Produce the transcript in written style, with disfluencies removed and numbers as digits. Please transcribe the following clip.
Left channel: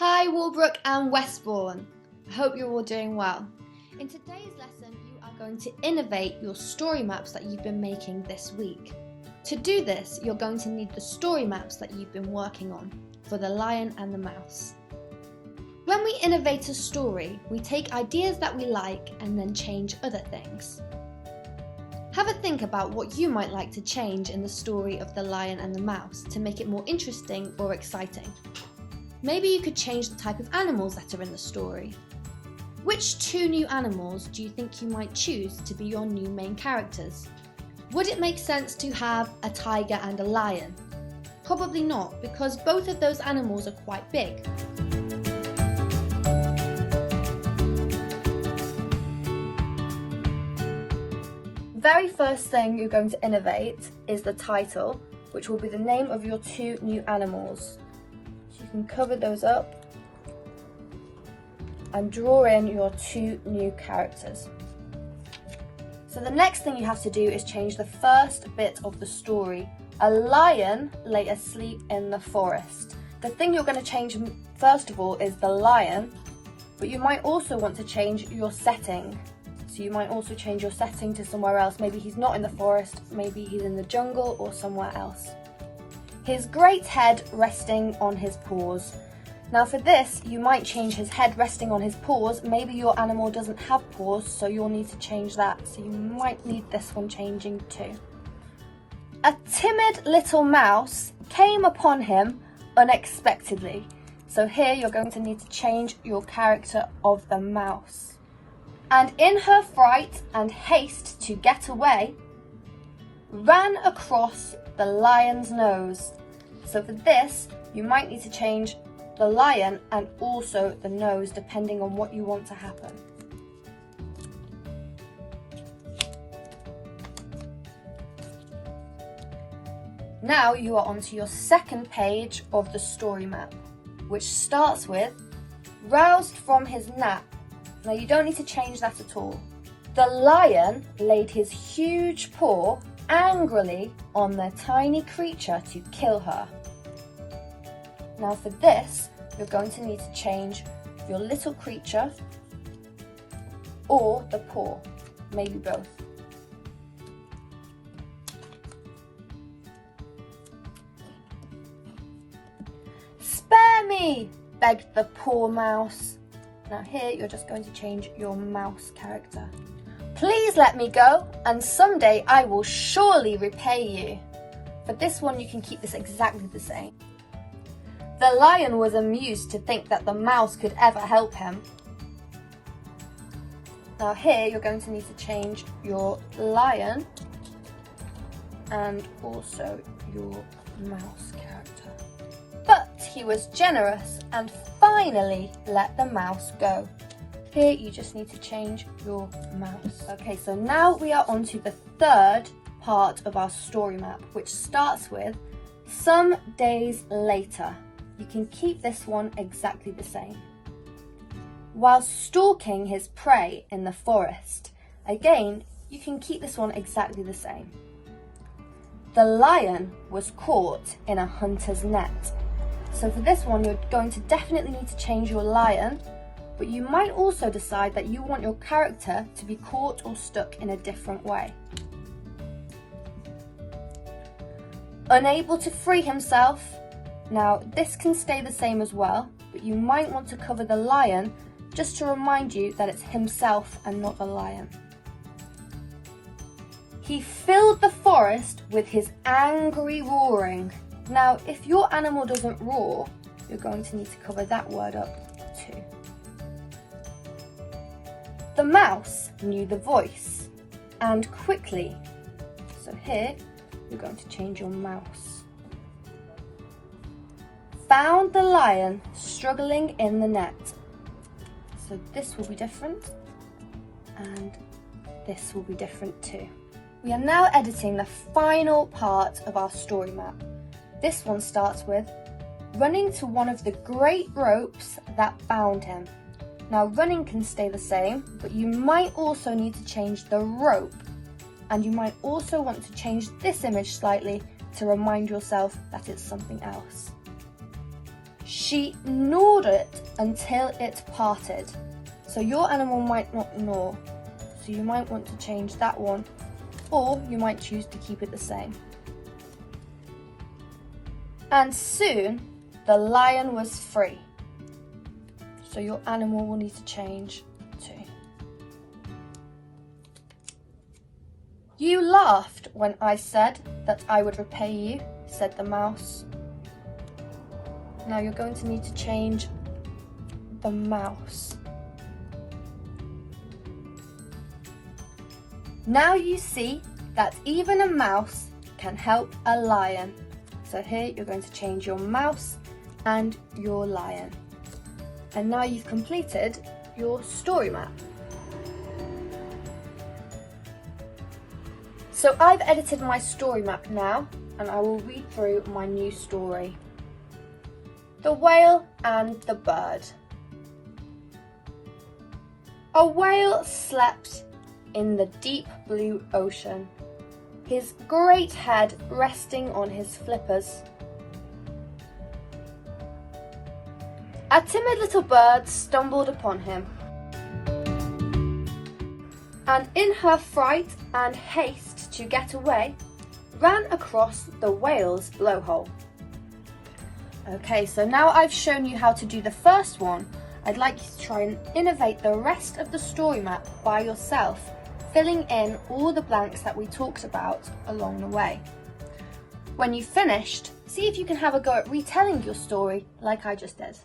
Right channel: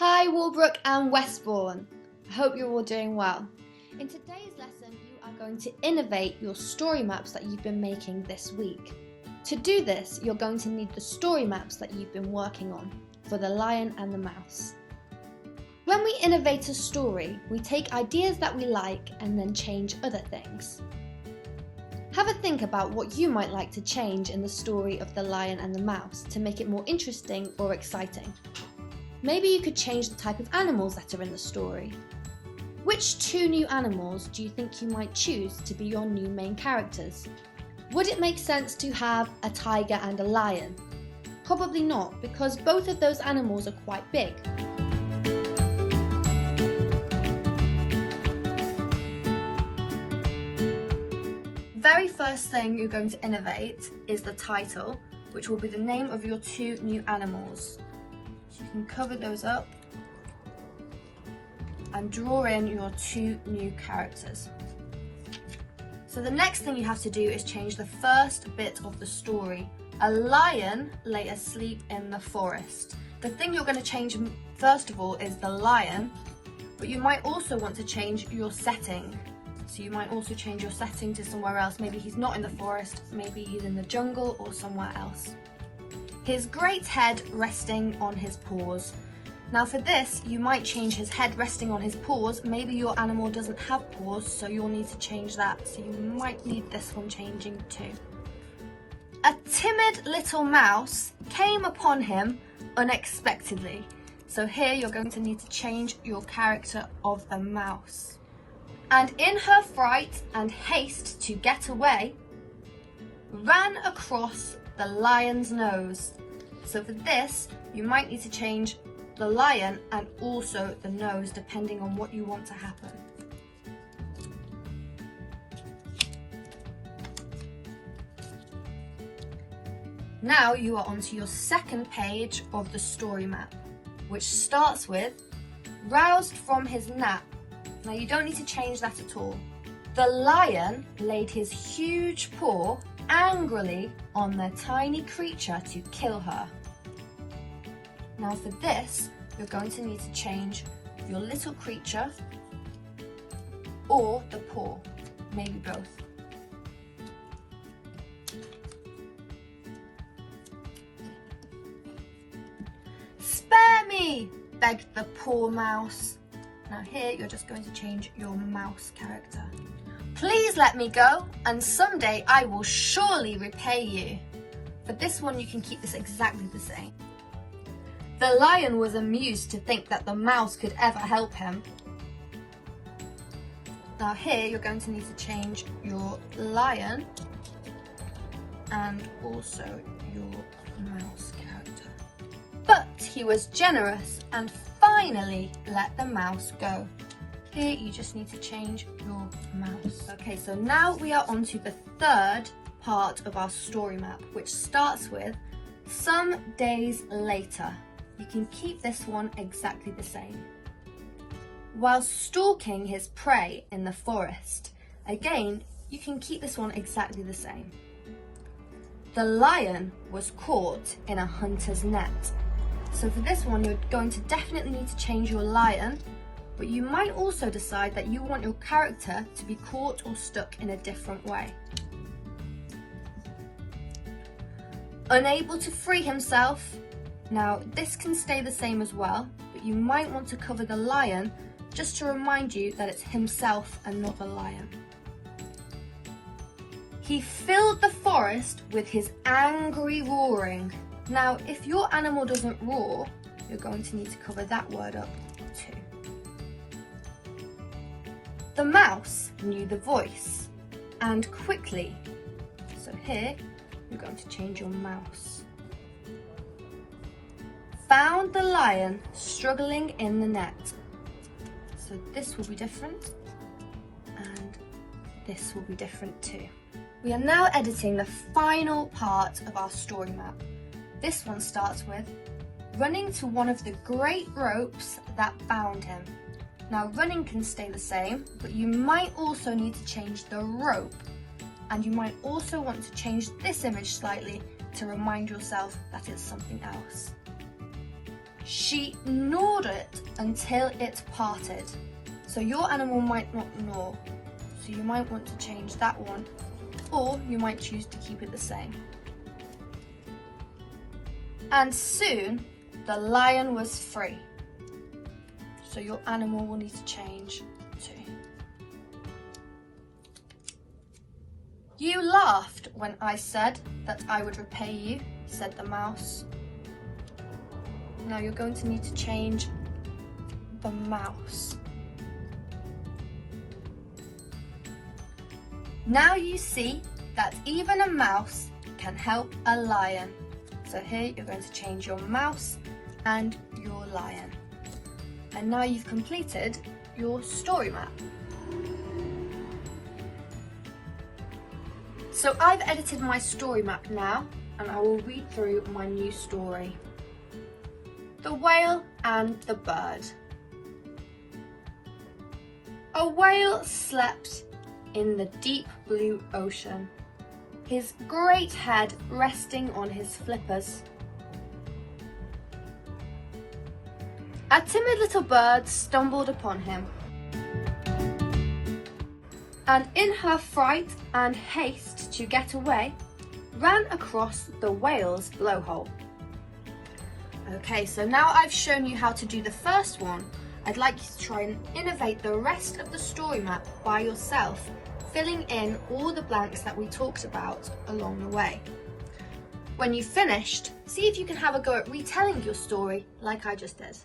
Hi Walbrook and Westbourne. I hope you're all doing well. In today's lesson, you are going to innovate your story maps that you've been making this week. To do this, you're going to need the story maps that you've been working on for the lion and the mouse. When we innovate a story, we take ideas that we like and then change other things. Have a think about what you might like to change in the story of the lion and the mouse to make it more interesting or exciting. Maybe you could change the type of animals that are in the story. Which two new animals do you think you might choose to be your new main characters? Would it make sense to have a tiger and a lion? Probably not, because both of those animals are quite big. The very first thing you're going to innovate is the title, which will be the name of your two new animals. So you can cover those up and draw in your two new characters. So the next thing you have to do is change the first bit of the story. A lion lay asleep in the forest. The thing you're going to change first of all is the lion, but you might also want to change your setting. So you might also change your setting to somewhere else. Maybe he's not in the forest, maybe he's in the jungle or somewhere else. His great head resting on his paws. Now for this, you might change his head resting on his paws. Maybe your animal doesn't have paws, so you'll need to change that. So you might need this one changing too. A timid little mouse came upon him unexpectedly. So here you're going to need to change your character of the mouse. And in her fright and haste to get away, ran across the lion's nose. So for this, you might need to change the lion and also the nose, depending on what you want to happen. Now you are onto your second page of the story map, which starts with roused from his nap. Now you don't need to change that at all. The lion laid his huge paw angrily on the tiny creature to kill her. Now for this, you're going to need to change your little creature or the paw, maybe both. Spare me, begged the poor mouse. Now here you're just going to change your mouse character. Please let me go, and someday I will surely repay you. For this one you can keep this exactly the same. The lion was amused to think that the mouse could ever help him. Now here you're going to need to change your lion and also your mouse character. But he was generous and finally let the mouse go. Here you just need to change your mouse. Okay, so now we are on to the third part of our story map, which starts with some days later. You can keep this one exactly the same. While stalking his prey in the forest, again, you can keep this one exactly the same. The lion was caught in a hunter's net. So for this one, you're going to definitely need to change your lion, but you might also decide that you want your character to be caught or stuck in a different way. Unable to free himself. Now this can stay the same as well, but you might want to cover the lion just to remind you that it's himself and not a lion. He filled the forest with his angry roaring. Now, if your animal doesn't roar, you're going to need to cover that word up too. The mouse knew the voice, and quickly. So here, you're going to change your mouse. Found the lion struggling in the net. So this will be different, and this will be different too. We are now editing the final part of our story map. This one starts with running to one of the great ropes that bound him. Now running can stay the same, but you might also need to change the rope, and you might also want to change this image slightly to remind yourself that it's something else. She gnawed it until it parted. So your animal might not gnaw. So you might want to change that one, or you might choose to keep it the same. And soon the lion was free. So your animal will need to change too. You laughed when I said that I would repay you, said the mouse. Now you're going to need to change the mouse. Now you see that even a mouse can help a lion. So here you're going to change your mouse and your lion. And now you've completed your story map. So I've edited my story map now, and I will read through my new story. The Whale and the Bird. A whale slept in the deep blue ocean, his great head resting on his flippers. A timid little bird stumbled upon him, and in her fright and haste to get away, ran across the whale's blowhole. Okay, so now I've shown you how to do the first one. I'd like you to try and innovate the rest of the story map by yourself, filling in all the blanks that we talked about along the way. When you've finished, see if you can have a go at retelling your story like I just did.